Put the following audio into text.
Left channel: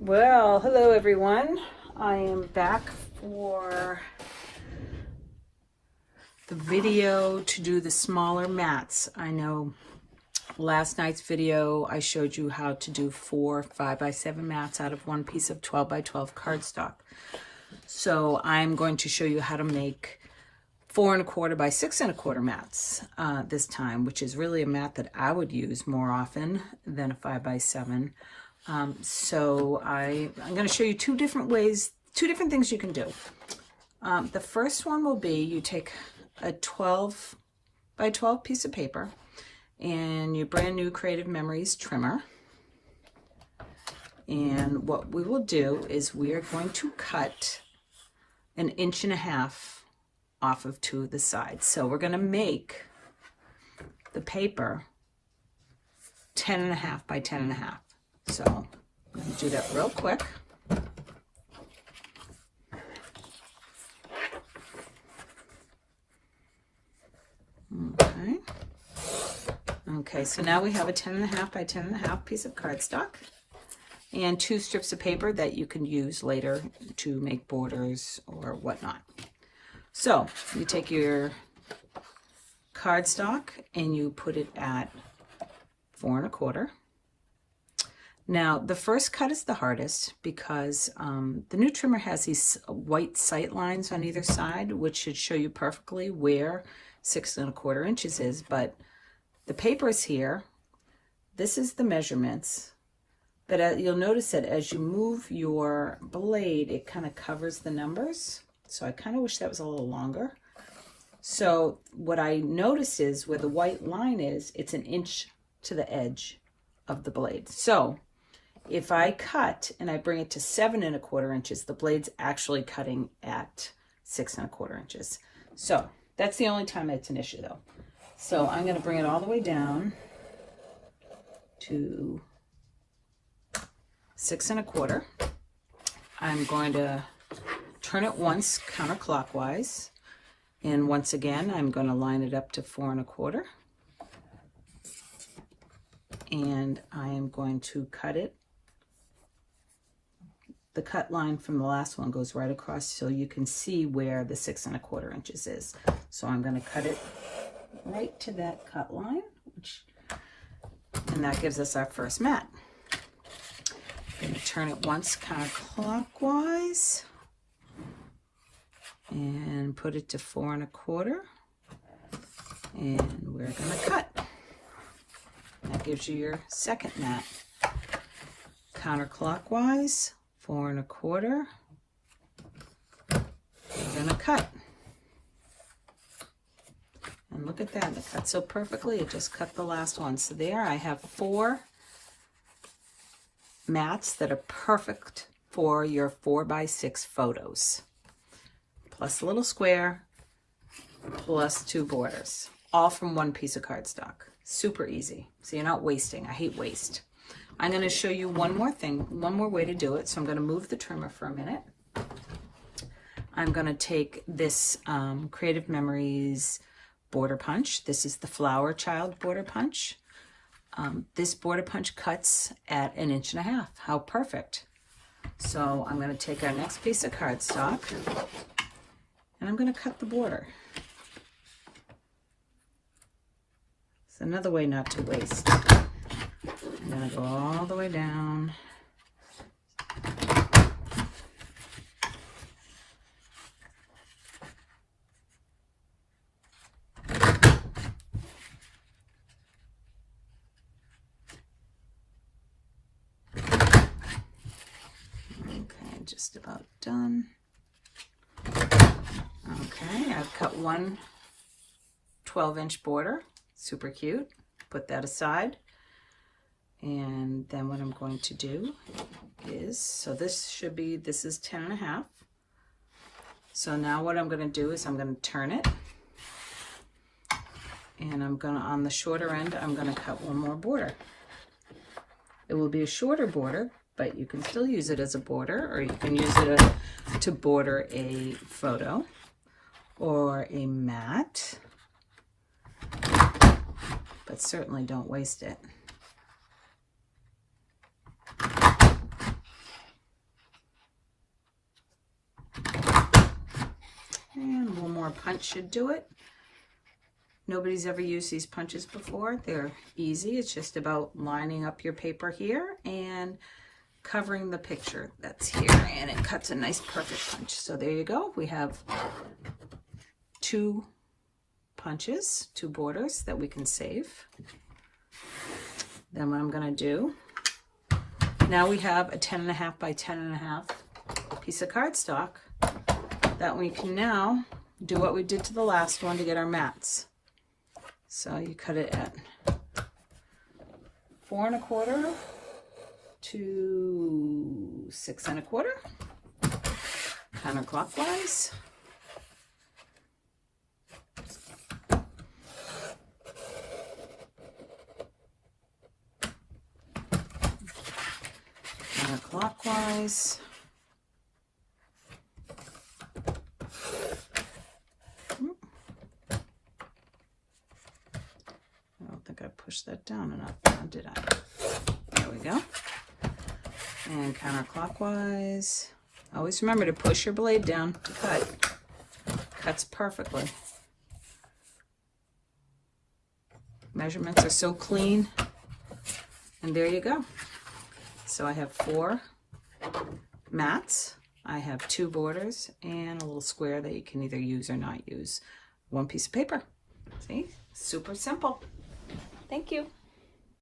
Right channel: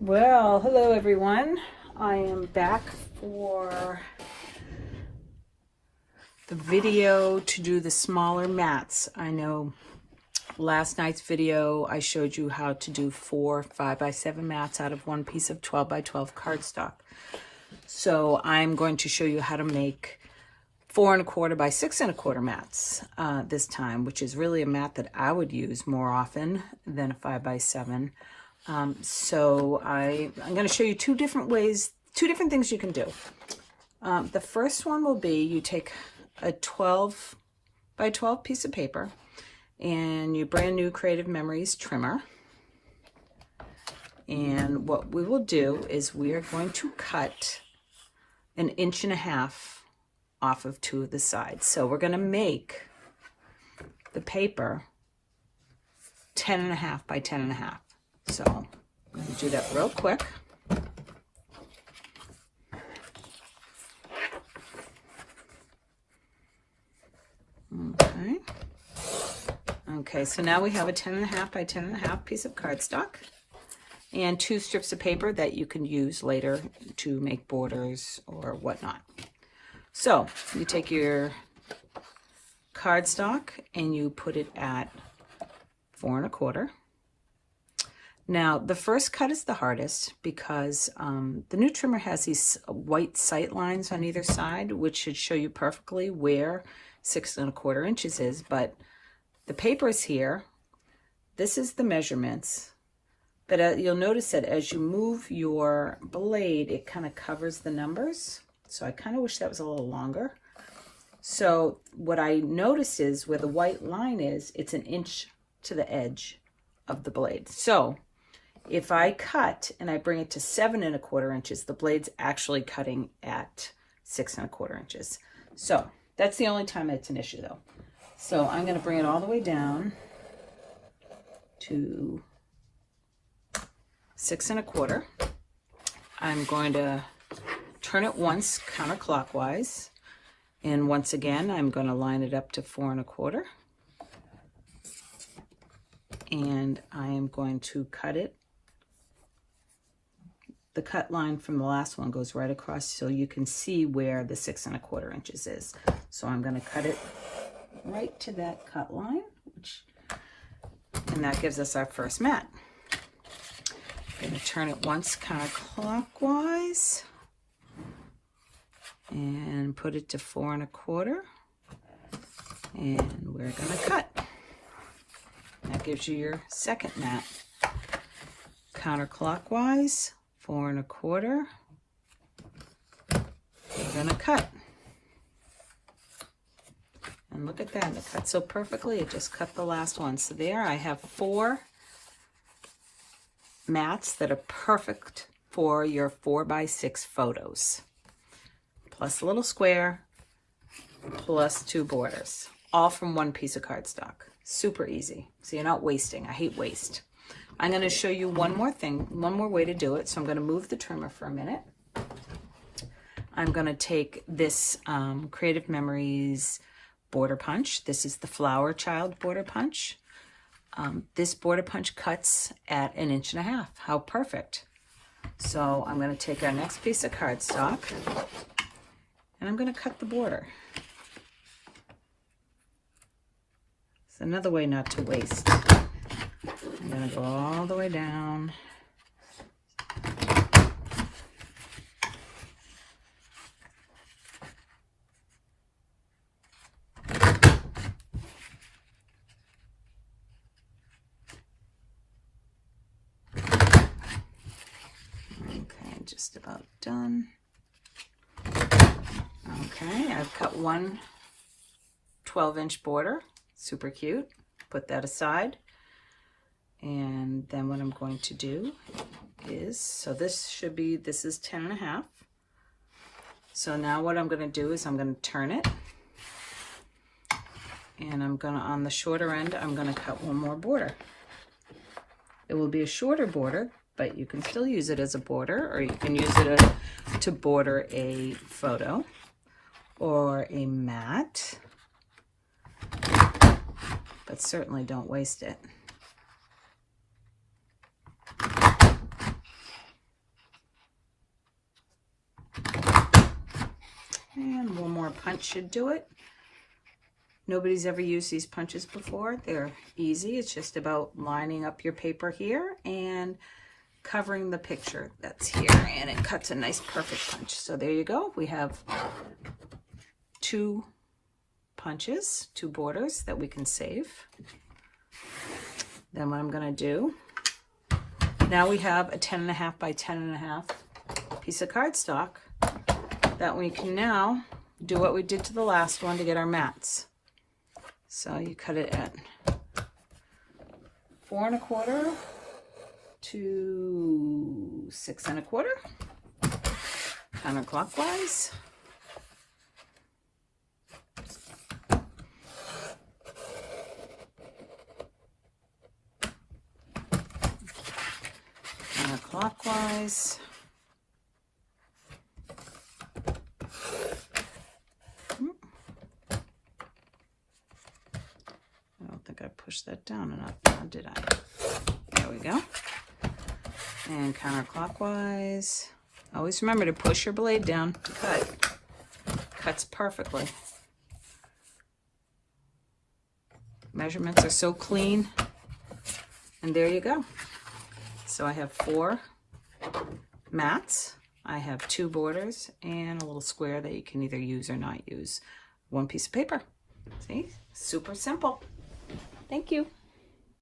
Well, hello everyone. I am back for the video to do the smaller mats. I know last night's video I showed you how to do 4 5x7 mats out of one piece of 12x12 cardstock. So I'm going to show you how to make 4.25 by 6.25 mats this time, which is really a mat that I would use more often than a 5x7. So I'm going to show you two different ways, two different things you can do. The first one will be you take a 12 by 12 piece of paper and your brand new Creative Memories trimmer. And what we will do is we are going to cut 1.5 inches off of two of the sides. So we're going to make the paper 10.5 by 10.5. So I'm going to do that real quick. Okay, so now we have a 10.5 by 10.5 piece of cardstock and 2 strips of paper that you can use later to make borders or whatnot. So you take your cardstock and you put it at 4.25. Now, the first cut is the hardest because the new trimmer has these white sight lines on either side, which should show you perfectly where 6.25 inches is, but the paper is here. This is the measurements, but you'll notice that as you move your blade, it kind of covers the numbers. So I kind of wish that was a little longer. So what I notice is where the white line is, it's 1 inch to the edge of the blade. So if I cut and I bring it to 7.25 inches, the blade's actually cutting at 6.25 inches. So that's the only time it's an issue though. So I'm going to bring it all the way down to 6.25. I'm going to turn it once counterclockwise. And once again, I'm going to line it up to 4.25. And I am going to cut it. The cut line from the last one goes right across so you can see where the 6.25 inches is. So I'm going to cut it right to that cut line, and that gives us our first mat. I'm going to turn it once counterclockwise and put it to 4.25, and we're going to cut. That gives you your second mat. Counterclockwise, 4.25. We're going to cut. And look at that, it cut so perfectly, it just cut the last one. So there I have 4 mats that are perfect for your 4x6 photos. Plus a little square, plus 2 borders, all from one piece of cardstock. Super easy, so you're not wasting. I hate waste. I'm going to show you one more thing, one more way to do it. So I'm going to move the trimmer for a minute. I'm going to take this Creative Memories border punch. This is the Flower Child border punch. This border punch cuts at 1.5 inches. How perfect. So I'm going to take our next piece of cardstock and I'm going to cut the border. It's another way not to waste. I'm going to go all the way down. Okay, just about done. Okay, I've cut one 12-inch border. Super cute. Put that aside. And then what I'm going to do is, so this should be, this is 10.5. So now what I'm going to do is I'm going to turn it. And I'm going to, on the shorter end, I'm going to cut one more border. It will be a shorter border, but you can still use it as a border, or you can use it to border a photo or a mat. But certainly don't waste it. or punch should do it. Nobody's ever used these punches before. They're easy. It's just about lining up your paper here and covering the picture that's here, and it cuts a nice perfect punch. So there you go. We have 2 punches, 2 borders that we can save. Then what I'm going to do, now we have a 10.5 by 10.5 piece of cardstock that we can now do what we did to the last one to get our mats. So you cut it at 4 1/4 to 6 1/4, counterclockwise. Counterclockwise. I don't think I pushed that down enough, or did I? There we go. And counterclockwise. Always remember to push your blade down to cut. Cuts perfectly. Measurements are so clean. And there you go. So I have 4 mats. I have 2 borders and a little square that you can either use or not use. 1 piece of paper. See? Super simple. Thank you.